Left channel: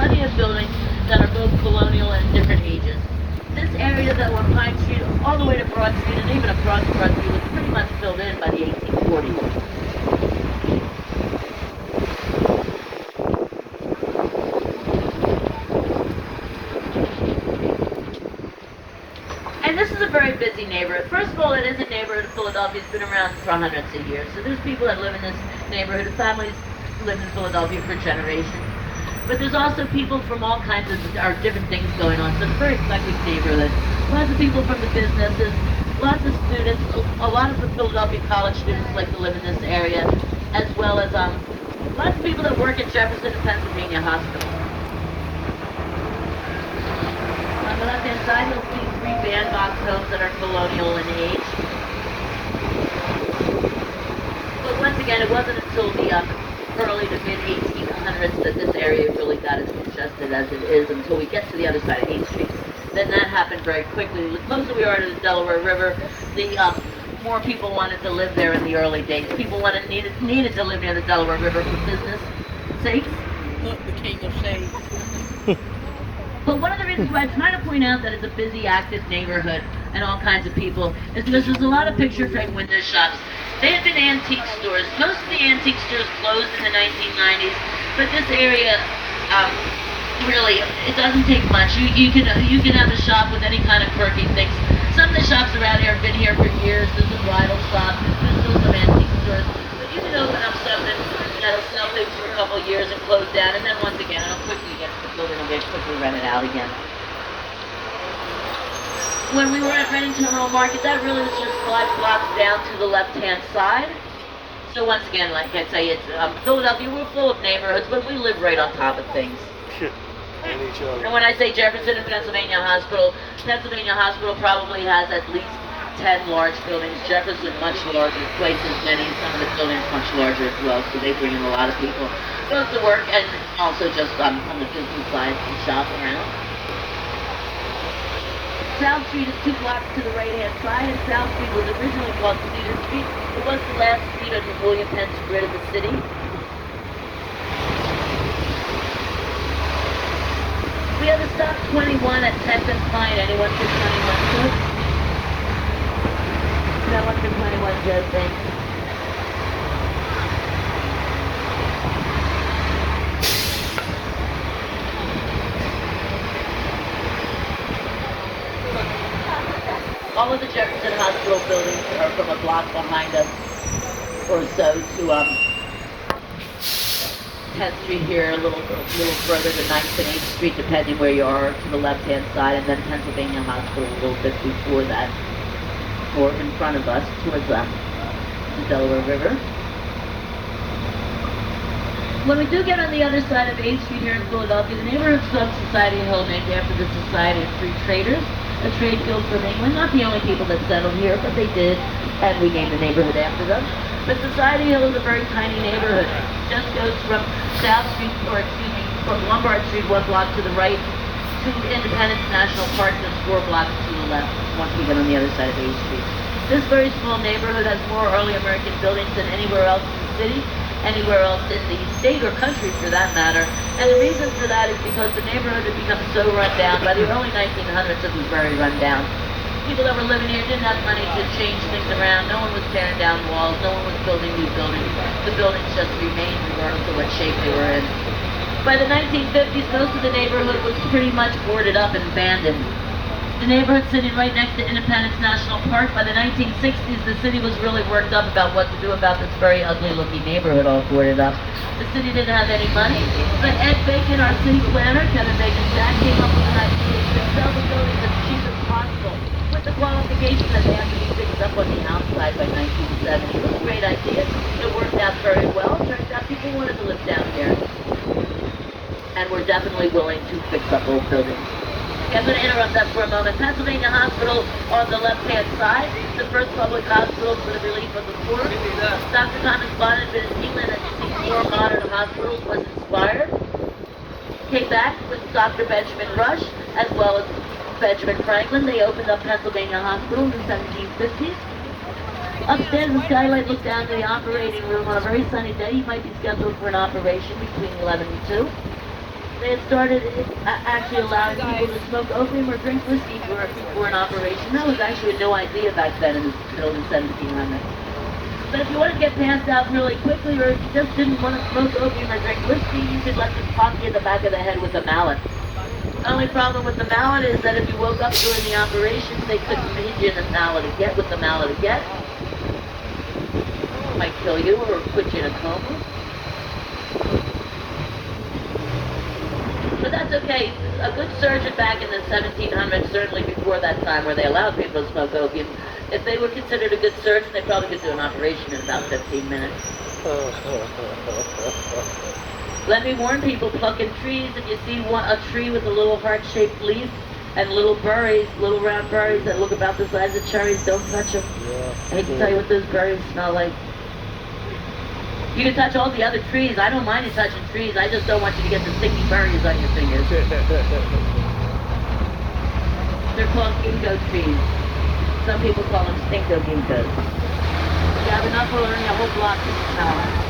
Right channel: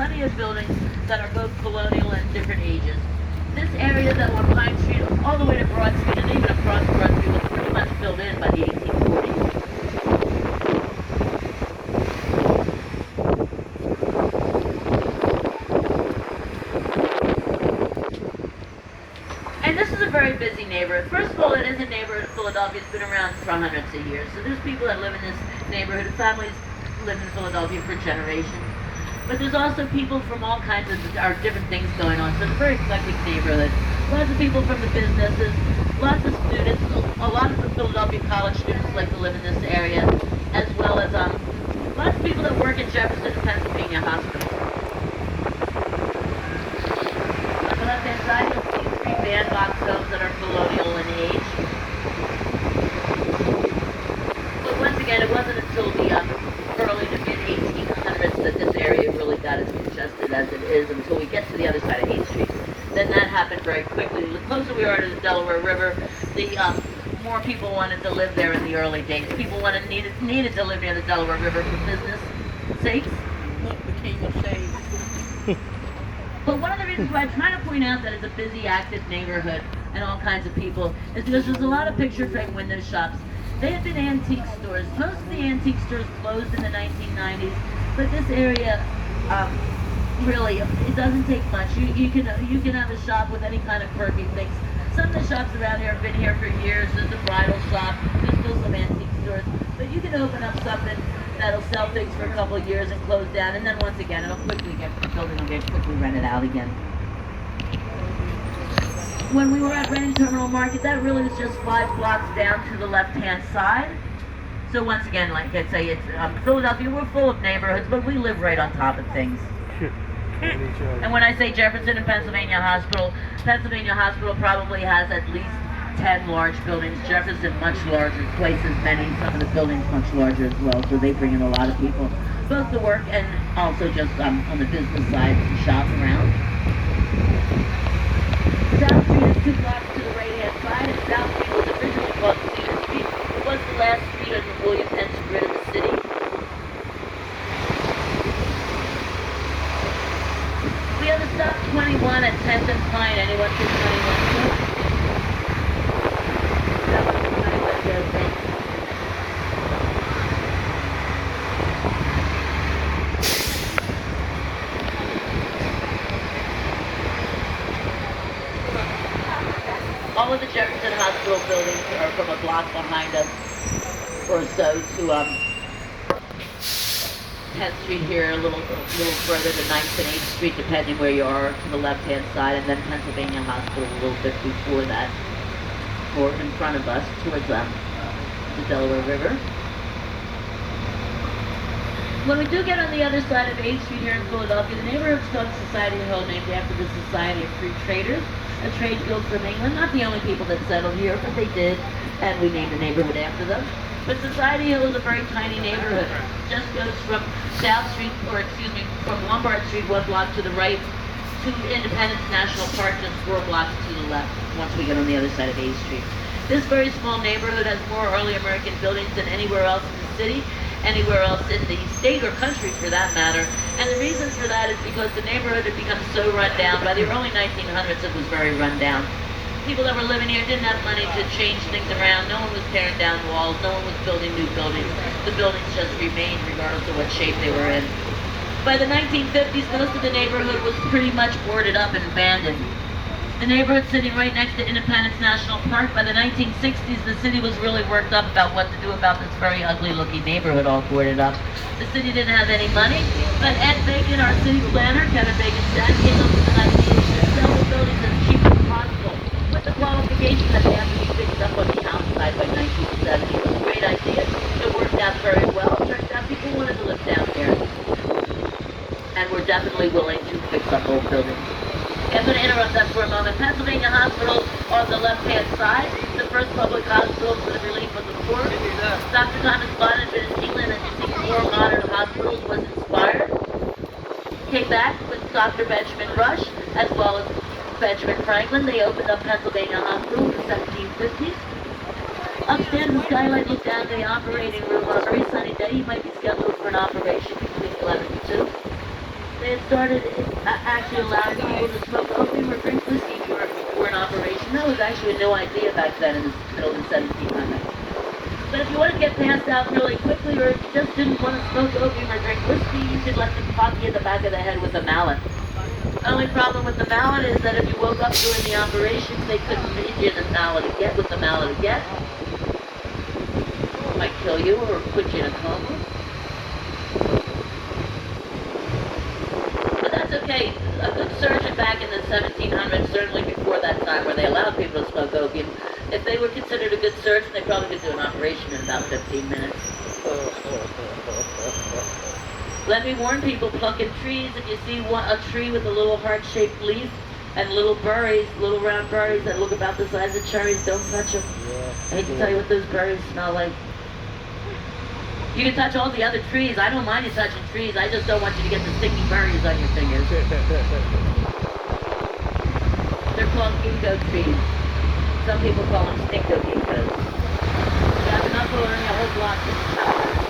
plenty of buildings that are both colonial and different ages. This area that on Pine Street all the way to Broad Street and even across Broad Street was pretty much filled in by the 1840s. And this is a very busy neighborhood. First of all, it is a neighborhood in Philadelphia that's been around for hundreds of years. So there's people that live in this neighborhood, families live in Philadelphia for generations. But there's also people from all kinds of different things going on. So it's a very eclectic neighborhood. Lots of people from the businesses, lots of students, a lot of the Philadelphia college students like to live in this area, as well as lots of people that work at Jefferson and Pennsylvania Hospital. On the left-hand side, you'll see three bandbox homes that are colonial in age. But once again, it wasn't until the early to mid-1800s that this area really got as congested as it is until we get to the other side of 8th Street. Then that happened very quickly. The closer we are to the Delaware River, the more people wanted to live there in the early days. People needed to live near the Delaware River for business sakes. Look, the king of shade. But one of the reasons why I'm trying to point out that it's a busy, active neighborhood and all kinds of people is because there's a lot of picture frame window shops. They had been antique stores. Most of the antique stores closed in the 1990s, but this area, really, it doesn't take much. You can have a shop with any kind of quirky things. Some of the shops around here have been here for years. There's a bridal shop. There's still some antique stores. But you can open up something that'll sell things for a couple of years and close down, and then once again, it'll quickly get, the building will get quickly rented out again. When we were at Reading Terminal Market, that really was just 5 blocks down to the left-hand side. So once again, like I say, it's Philadelphia, we're full of neighborhoods, but we live right on top of things. And when I say Jefferson and Pennsylvania Hospital probably has at least 10 large buildings. Jefferson much larger, twice as many. Some of the buildings much larger as well, so they bring in a lot of people, both to work and also just on the business side to shop around. South Street is 2 blocks to the right-hand side, and South Street was originally called Stevens Street. It was the last street on the William Penn's grid of the city. We have a stop 21 at 10th and Pine. Anyone for 21 too? Stop for 21, Joe, thanks. All of the Jefferson Hospital buildings are from a block behind us or so to 10th Street here, a little further to 9th and 8th Street, depending where you are, to the left-hand side, and then Pennsylvania Hospital a little bit before that, or in front of us, towards the Delaware River. When we do get on the other side of 8th Street here in Philadelphia, the neighborhood's called Society Hill, named after the Society of Free Traders, a trade guild from England. Not the only people that settled here, but they did, and we named the neighborhood after them. But Society Hill is a very tiny neighborhood. It just goes from South Street, or excuse me, from Lombard Street 1 block to the right to Independence National Park, and 4 blocks to the left once we get on the other side of 8th Street. This very small neighborhood has more early American buildings than anywhere else in the city, anywhere else in the state or country for that matter. And the reason for that is because the neighborhood had become so run down. By the early 1900s, it was very run down. People that were living here didn't have money to change things around. No one was tearing down walls. No one was building new buildings. The buildings just remained regardless of what shape they were in. By the 1950s, most of the neighborhood was pretty much boarded up and abandoned. The neighborhood sitting right next to Independence National Park. By the 1960s, the city was really worked up about what to do about this very ugly-looking neighborhood all boarded up. The city didn't have any money, but Ed Bacon, our city planner, Kevin Bacon's dad, came up with an idea to sell the buildings as cheap as possible, with the qualification that they have to be fixed up on the outside by 1970. It was a great idea. It worked out very well. It turns out people wanted to live down there, and were definitely willing to fix up old buildings. I'm going to interrupt that for a moment. Pennsylvania Hospital on the left-hand side, the first public hospital for the relief of the poor. Dr. Thomas Bonnet had been in England and received 4 modern hospitals, was inspired. Came back with Dr. Benjamin Rush, as well as Benjamin Franklin. They opened up Pennsylvania Hospital in the 1750s. Upstairs, the skylight looked down the operating room on a very sunny day. You might be scheduled for an operation between 11 and 2. They had started actually allowing people to smoke opium or drink whiskey for an operation. That was actually a new idea back then in the middle of the 1700s. But if you want to get passed out really quickly, or if you just didn't want to smoke opium or drink whiskey, you could let them pop you in the back of the head with a mallet. The only problem with the mallet is that if you woke up during the operation, they couldn't leave you in the mallet again, with the mallet again. It might kill you or put you in a coma. But that's okay. A good surgeon back in the 1700s, certainly before that time where they allowed people to smoke opium, if they were considered a good surgeon, they probably could do an operation in about 15 minutes. Let me warn people, plucking trees, if you see a tree with a little heart-shaped leaf and little berries, little round berries that look about the size of cherries, don't touch them. Yeah. I hate to tell you what those berries smell like. You can touch all the other trees. I don't mind you touching trees. I just don't want you to get the sticky berries on your fingers. They're called ginkgo trees. Some people call them stinko ginkgos. If you have enough, we'll learn a whole block to smell.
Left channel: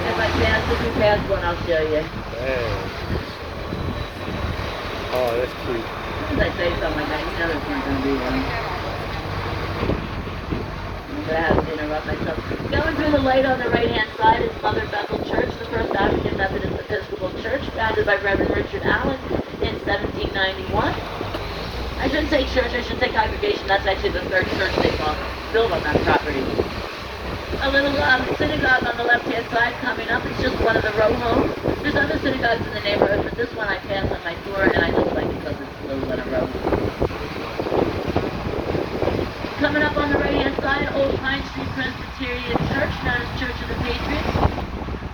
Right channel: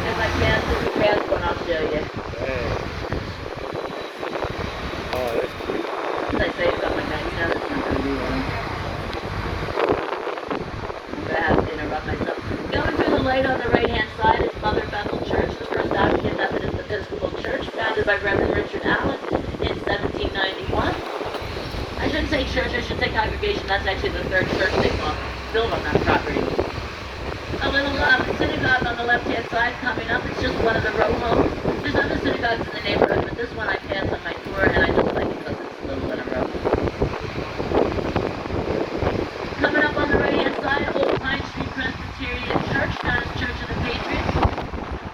If I if you pass one, I'll show you. Dang. Oh, that's cute. As I say something like that, you know it's not going to be long. I have to interrupt myself. Going through the light on the right-hand side is Mother Bethel Church, the first African Methodist Episcopal Church, founded by Reverend Richard Allen in 1791. I shouldn't say church, I should say congregation. That's actually the third church they built on that property. A little synagogue on the left-hand side coming up. It's just one of the row homes. There's other synagogues in the neighborhood, but this one I passed on my tour, and I just like it because it's a little one of row home. Coming up on the right-hand side, Old Pine Street Presbyterian Church, known as Church of the Patriots.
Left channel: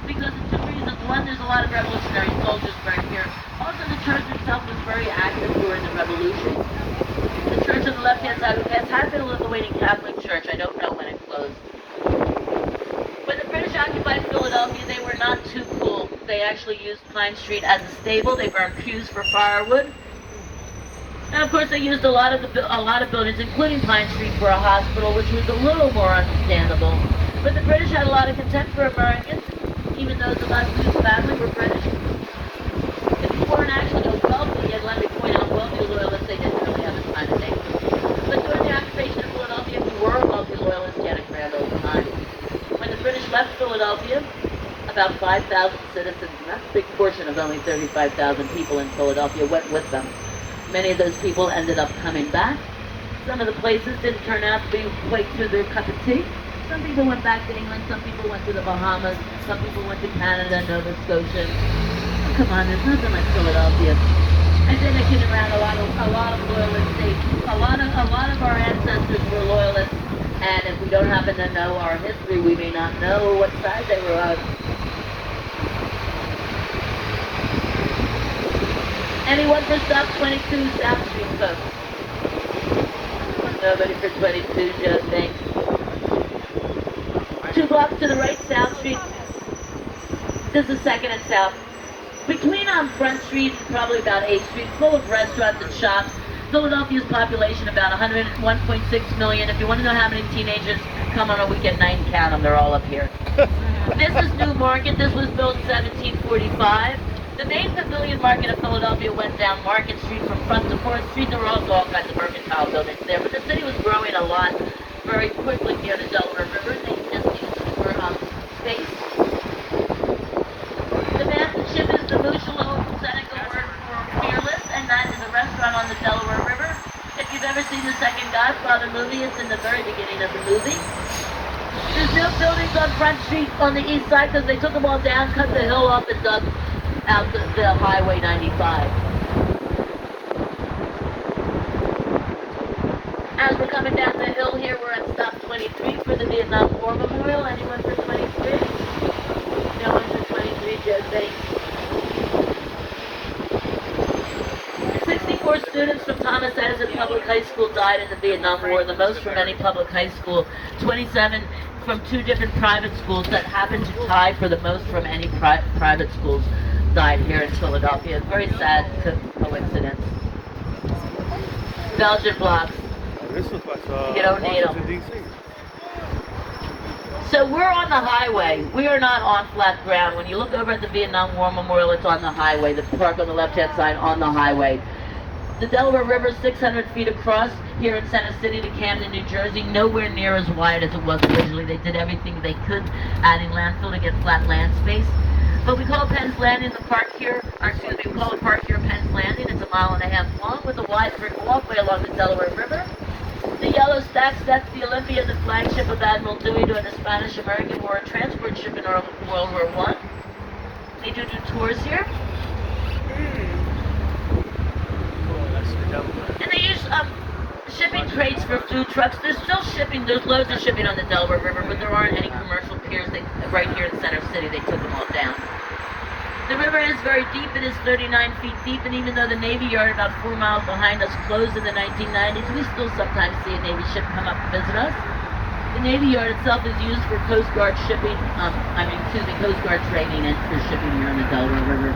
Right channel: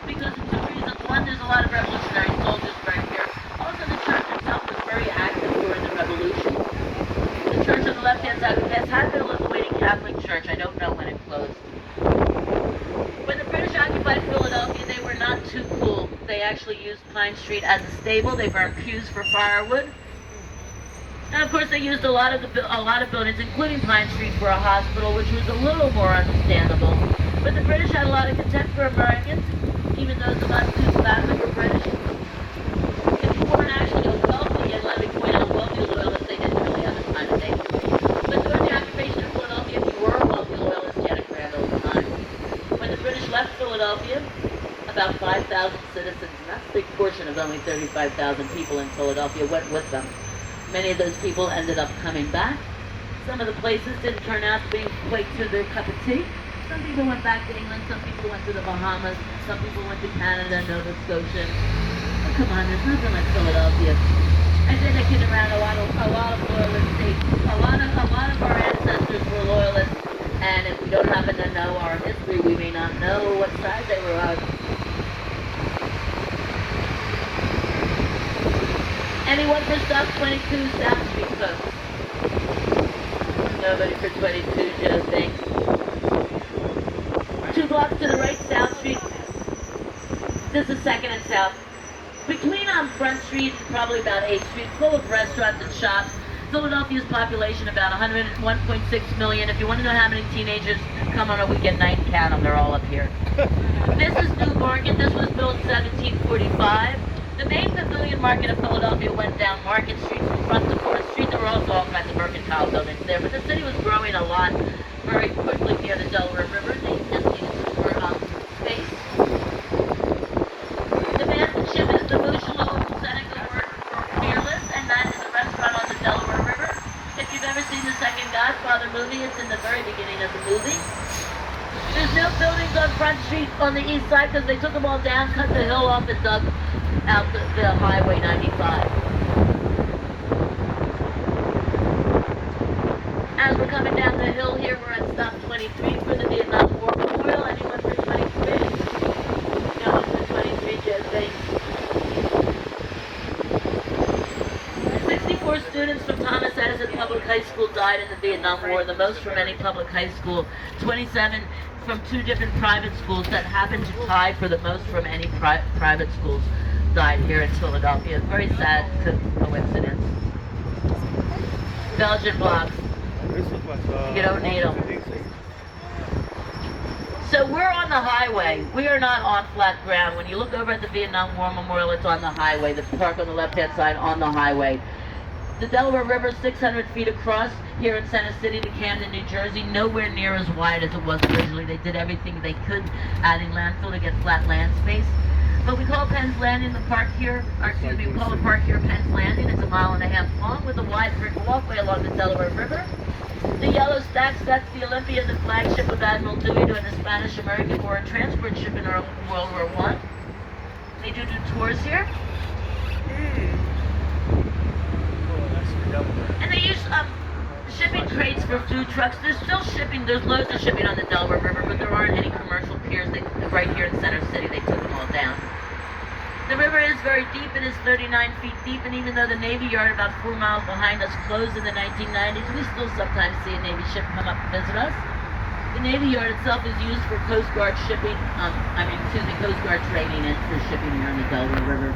Because of two reasons. One, there's a lot of revolutionary soldiers right here. Also, the church itself was very active during the Revolution. The church on the left-hand side, which had been a Lithuanian Catholic church. I don't know when it closed. When the British occupied Philadelphia, they were not too cool. They actually used Pine Street as a stable. They burned pews for firewood. And of course, they used a lot of buildings, including Pine Street, for a hospital, which was a little more understandable. But the British had a lot of contempt for Americans, even though a lot of these families were British. If you weren't actually a wealthy, and let me point out, wealthy loyalists, they didn't really have the time to name. But during the occupation of Philadelphia, if you were a wealthy loyalist, you had a grand old time. When the British left Philadelphia, about 5,000 citizens, and that's a big portion of only 35,000 people in Philadelphia, went with them. Many of those people ended up coming back. Some of the places didn't turn out to be quite to their cup of tea. Some people went back to England, some people went to the Bahamas, some people went to Canada, Nova Scotia. Come on, there's nothing like Philadelphia. I've been a kid around a lot of loyalist states. A lot of our ancestors were loyalists, and if we don't happen to know our history, we may not know what side they were of. Anyone for South 22 South Street, folks? Nobody for 22, Joe, thanks. 2 blocks to the right, South Street. This is 2nd and South. Between Front Street and probably about 8th Street, full of restaurants and shops. Philadelphia's population about 101.6 million. If you want to know how many teenagers come on a weekend night and count them, they're all up here. This is New Market. This was built in 1745. The main pavilion market of Philadelphia went down Market Street from Front to 4th Street. There were also all kinds of mercantile buildings there, but the city was growing a lot very quickly near the Delaware River. They just needed for space. The massive ship is the Bouchelot Seneca word for fearless, and that is a restaurant on the Delaware River. If you've ever seen the second Godfather movie, it's in the very beginning of the movie. There's no buildings on Front Street on the east side because they took them all down, cut the hill off, and dug out the Highway 95. As we're coming down the hill here, we're at stop 23 for the Vietnam War Memorial. Anyone for 23? No one for 23, Joe, thanks. 64 students from Thomas Edison Public High School died in the Vietnam War, the most from any public high school. 27 from 2 different private schools that happened to tie for the most from any private schools died here in Philadelphia. Very sad coincidence. Belgian blocks. This looks like you don't need them. DC. So we're on the highway. We are not on flat ground. When you look over at the Vietnam War Memorial, it's on the highway. The park on the left-hand side on the highway. The Delaware River is 600 feet across here in Center City to Camden, New Jersey. Nowhere near as wide as it was originally. They did everything they could, adding landfill to get flat land space. But we call Penn's Landing the park here, or excuse me, we call the park here Penn's Landing. It's a mile and a half long with a wide brick walkway along the Delaware River. The yellow stacks, that's the Olympia, the flagship of Admiral Dewey during the Spanish-American War, a transport ship in World War I. They do tours here. And they use shipping crates for food trucks. There's still shipping, there's loads of shipping on the Delaware River, but there aren't any commercial piers right here in Center City. They took them all down. The river is very deep. It is 39 feet deep, and even though the Navy Yard about 4 miles behind us closed in the 1990s, we still sometimes see a Navy ship come up to visit us. The Navy Yard itself is used for Coast Guard shipping, Coast Guard training and for shipping here on the Delaware River.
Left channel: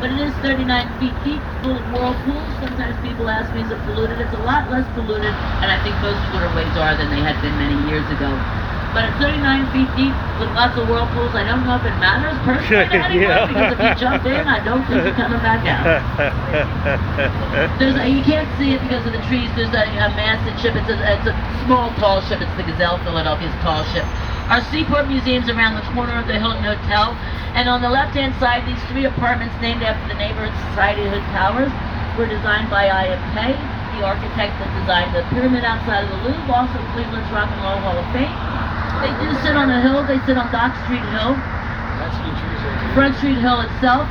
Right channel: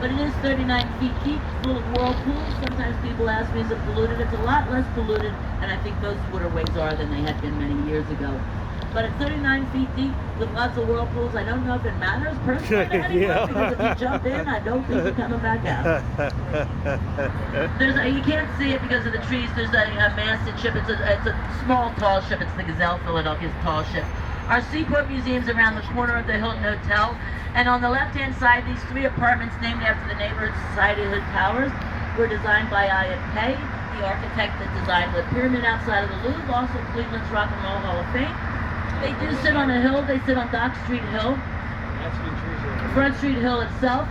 But it is 39 feet deep, full of whirlpools. Sometimes people ask me, is it polluted? It's a lot less polluted, and I think most waterways are than they had been many years ago. But it's 39 feet deep with lots of whirlpools. I don't know if it matters personally anymore, because if you jump in, I don't think you're coming back out. You can't see it because of the trees. There's a masted ship. It's a small, tall ship. It's the Gazelle, Philadelphia's tall ship. Our Seaport Museum's around the corner of the Hilton Hotel. And on the left-hand side, these 3 apartments named after the Neighborhood Society Hood Towers were designed by I.M. Pei, the architect that designed the pyramid outside of the Louvre, also Cleveland's Rock and Roll Hall of Fame. They do sit on a hill. They sit on Dock Street Hill. Front Street Hill itself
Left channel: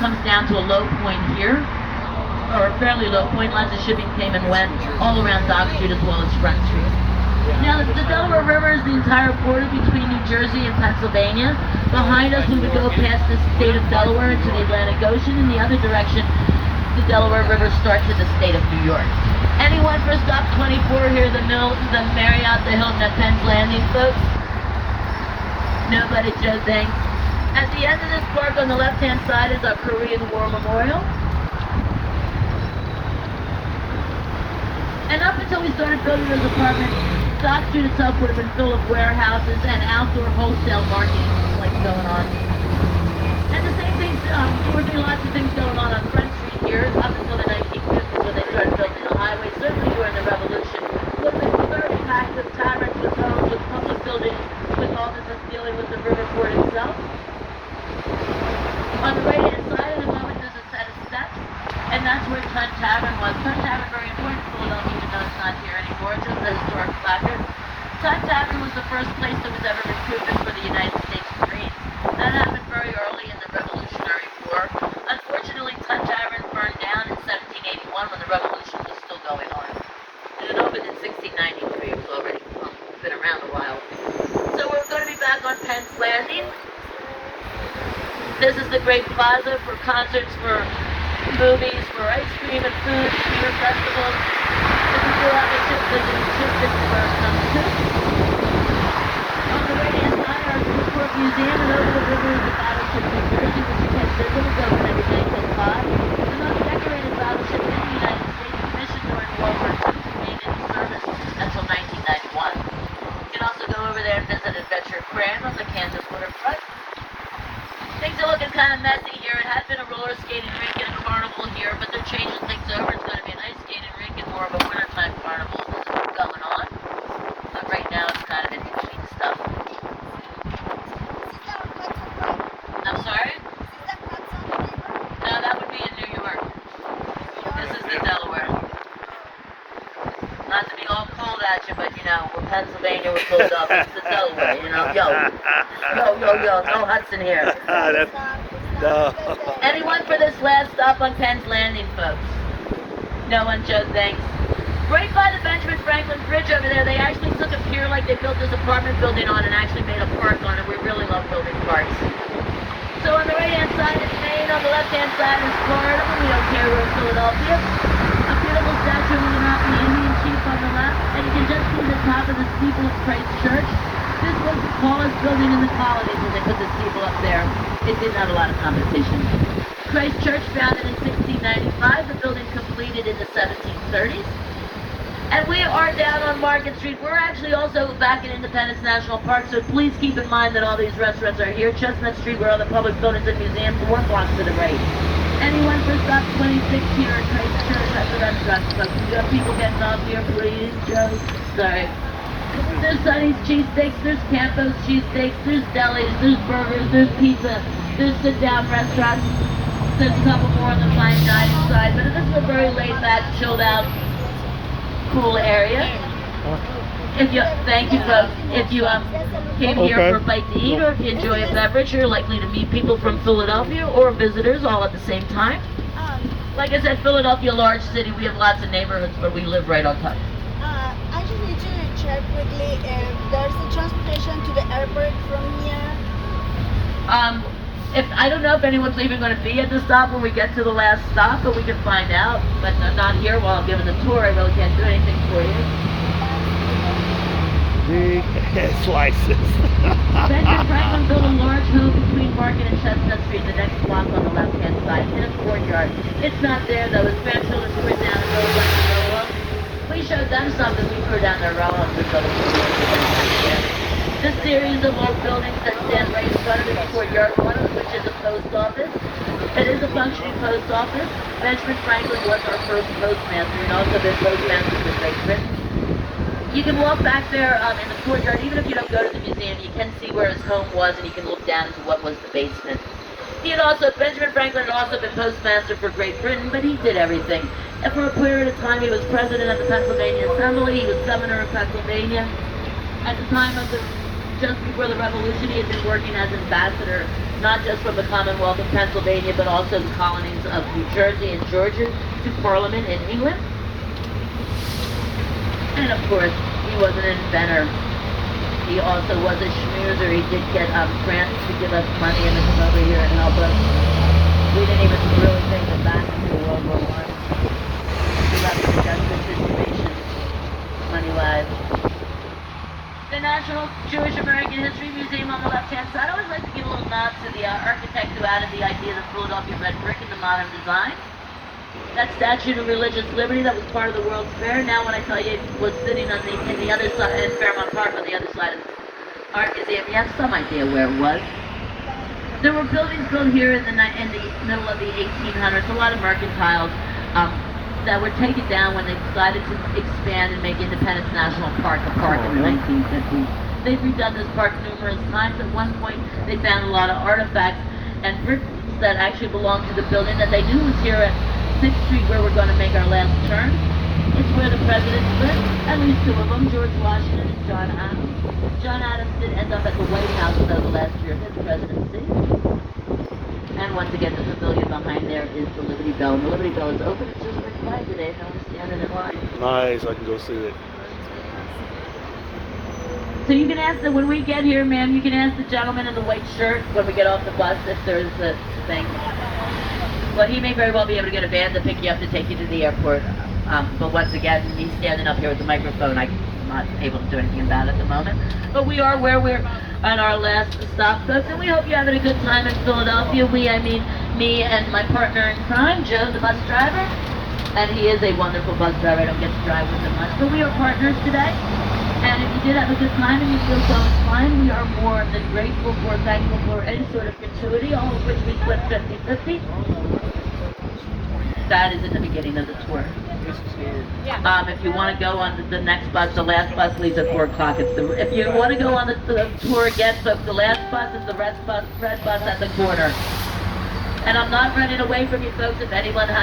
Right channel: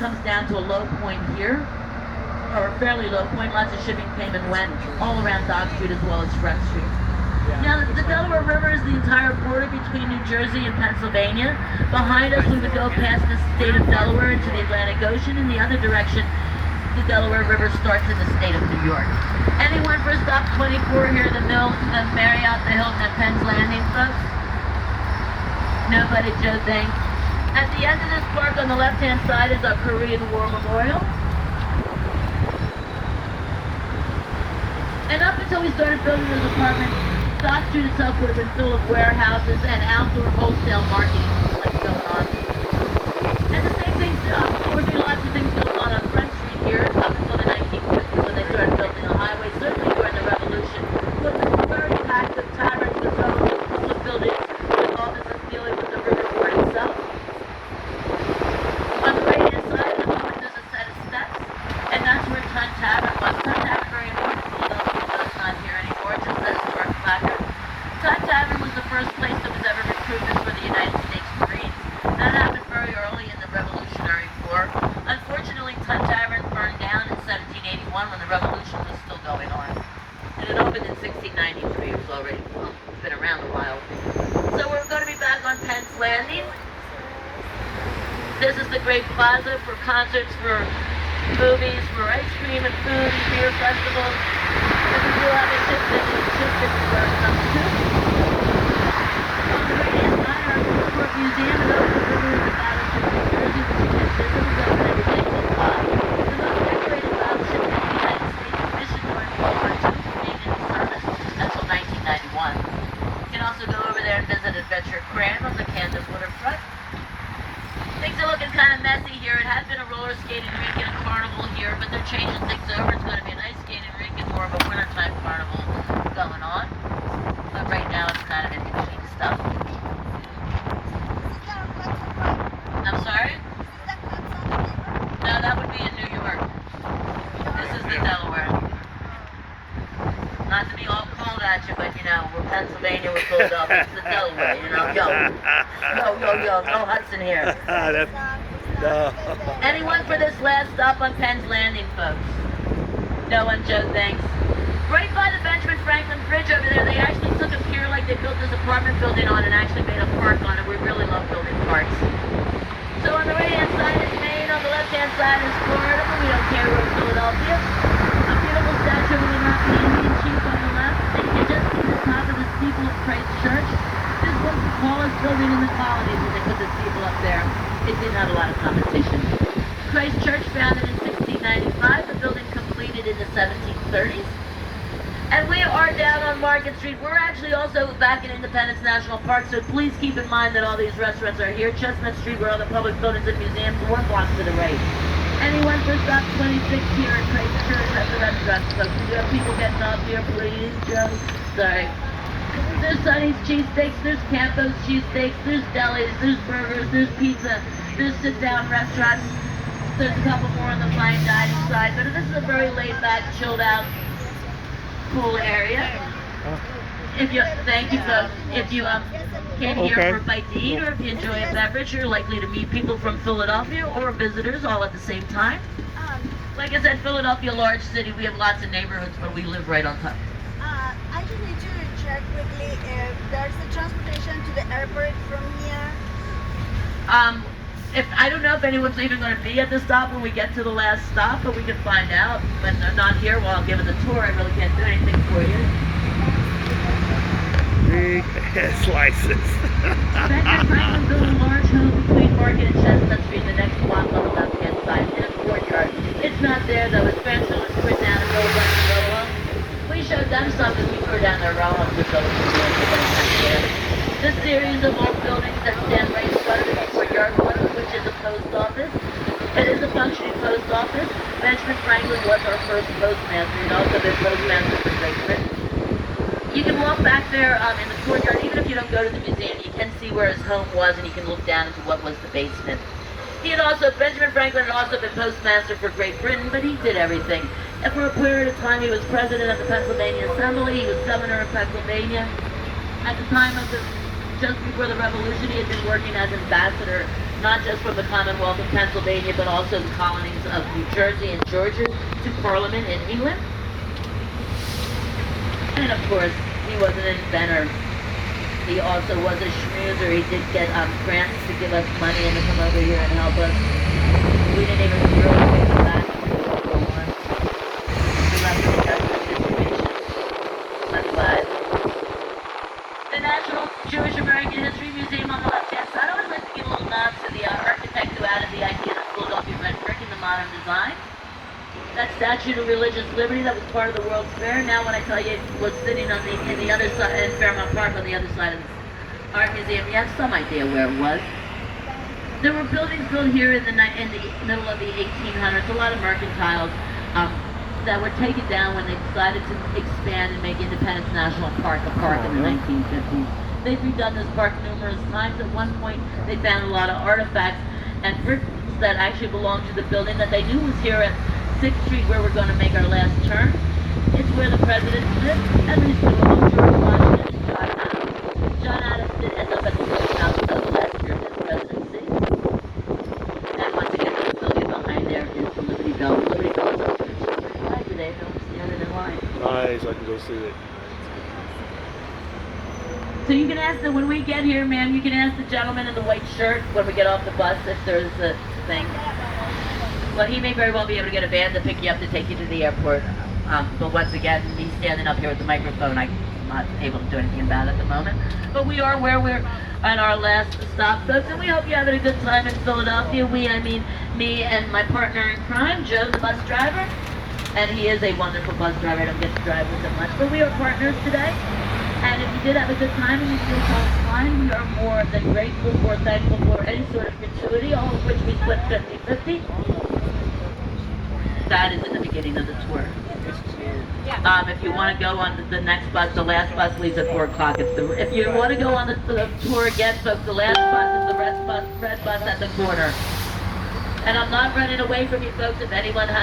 comes down to a low point here, or a fairly low point. Lots of shipping came and went all around Dock Street as well as Front Street. Now, the Delaware River is the entire border between New Jersey and Pennsylvania. Behind us, we would go past the state of Delaware into the Atlantic Ocean. In the other direction, the Delaware River starts in the state of New York. Anyone for stop 24 here, the Marriott, the Hilton at Penn's Landing, folks? Nobody, Joe thinks. At the end of this park on the left-hand side is our Korean War Memorial. And up until we started building those apartments, Dock Street itself would have been full of warehouses and outdoor wholesale markets like going on. And the same thing, unfortunately, lots of things going on Front Street here up until the 1950s when they started building the highway, certainly during the Revolution. Look, very packed with taverns, with homes, with public buildings, with offices dealing with the river board itself. On the right-hand side of the building, there's a set of steps, and that's where Tunt Tavern was. Tunt Tavern, very important to Philadelphia, though it's not here anymore. It's just a historic placard. Tunt Tavern was the first place that was ever recruited for the United States Marines. That happened very early in the Revolutionary War. Unfortunately, Tunt Tavern burned down in 1781 when the Revolution was still going on. And it opened in 1693. It was already been around a while. So we're going to be back on Penn's Landing. This is the great plaza for concerts, for movies, for ice cream and food, beer festivals. So we do have a ship visit our too. On the right-hand side, our Seaport Museum, and over the river is the battleship New Jersey, which you can't visit. It doesn't have its engine side. The most decorated battleship in the United States, commissioned during World War II, remained in service until 1991. You can also go over there and visit Adventure Grand on the Kansas waterfront. Things are looking kind of messy here. It had been a roller skating rink and a carnival here, but they're changing things over. It's going to be an ice skating rink and more of a wintertime carnival going on. But right now it's kind of in between stuff. I'm sorry? No, that would be in New York. This is the Delaware. Not to be all cold at you, but you know, we're Pennsylvania, we're cold up. It's the Delaware, you know. Yo, no Hudson here. No. Anyone for this last stop on Penn's Landing, folks? No one, Joe, thanks. Right by the Benjamin Franklin Bridge over there, they actually took a pier like they built this apartment building on and actually made a park on it. We really love building parks. So on the right-hand side is Maine, on the left-hand side is Florida. We don't care where it's Philadelphia. A beautiful statue of the Mountain Indian Chief on the left, and you can just see the top of the steeple of Christ Church. This was the tallest building in the colonies, and they put the steeple up there. It didn't have a lot of competition. Christ Church founded in 1695, the building completed in the 1730s. And we are down on Market Street. We're actually also back in Independence National Park, so please keep in mind that all these restaurants are here. Chestnut Street, where all the public buildings and museums, or blocks to the right. Anyone for Stop 26 Peter and Trace Church, that's what I'm dressed, folks. We got people getting off here, please, Joe. Sorry. There's Sonny's cheesesteaks, there's Campo's cheesesteaks, there's delis, there's burgers, there's pizza, there's sit-down restaurants. There's a couple more on the fine dining side, but this is a very laid-back, chilled-out, cool area. If you, thank you, folks. If you came here for a bite to eat, or if you enjoy a beverage, you're likely to meet people from Philadelphia or visitors all at the same time. Like I said, Philadelphia, large city. We have lots of neighborhoods, but we live right on top. I just need to check quickly if there's a transportation to the airport from here. If I don't know if anyone's even going to be at the stop when we get to the last stop, but we can find out. But not here while I'm giving the tour. I really can't do anything for you. Big slices. Benjamin Franklin built a large home between Market and Chestnut Street, the next block on the left-hand side, in a courtyard. It's not there though. His grandchildren toured down the road. We showed them something. We toured down their own homes. This series of old buildings that stand right in front of the courtyard one, which is a post office. It is a functioning post office. Benjamin Franklin was our first postmaster, and also been postmaster for Great Britain. You can walk back there in the courtyard, even if you don't go to the museum, you can see where his home was, and you can look down into what was the basement. Benjamin Franklin had also been postmaster for Great Britain, but he did everything. And for a period of time, he was president of the Pennsylvania Assembly, he was governor of Pennsylvania. At the time of just before the Revolution, he had been working as ambassador, not just from the Commonwealth of Pennsylvania, but also the colonies of New Jersey and Georgia to Parliament in England. And of course, he was an inventor. He also was a schmoozer. He did get grants to give us money and to come over here and help us. We didn't even really take the back after World War I. We got into special situations, money-wise. The National Jewish American History Museum on the left-hand side. I always like to give a little nod to the architect who added the idea of Philadelphia red brick in the modern design. That statue of religious liberty that was part of the World's Fair, now when I tell you it was sitting on in the other side, in Fairmount Park on the other side of the art museum, you have some idea where it was. There were buildings built here in the middle of the 1800s, a lot of mercantiles that were taken down when they decided to expand and make Independence National Park a park in the 1950s. They've redone this park numerous times. At one point, they found a lot of artifacts and bricks that actually belonged to the building that they knew was here at 6th Street, where we're going to make our last turn. It's where the presidents lived, at least two of them, George Washington and John Adams. John Adams did end up at the White House the last year of his presidency. And once again, the pavilion behind there is the Liberty Bell. The Liberty Bell is open. It's just like high today, no one's standing in line. Nice, I can go see it. So you can ask, when we get here, ma'am, you can ask the gentleman in the white shirt when we get off the bus if there's a thing. Well, he may very well be able to get a van to pick you up to take you to the airport. But once again, he's standing up here with the microphone. I'm not able to do anything about it at the moment. But we are where we're at our last stop, folks, and we hope you're having a good time in Philadelphia. I mean me and my partner in crime, Joe, the bus driver. And he is a wonderful bus driver. I don't get to drive with him much, but we are partners today. And if you did have a good time and you feel so inclined, we are more than grateful for, thankful for any sort of gratuity, all of which we split 50-50. That is at the beginning of the tour. If you want to go on the next bus, the last bus leaves at 4 o'clock. If you want to go on the tour again, folks, the last bus is the red bus at the corner. And I'm not running away from you folks if anyone has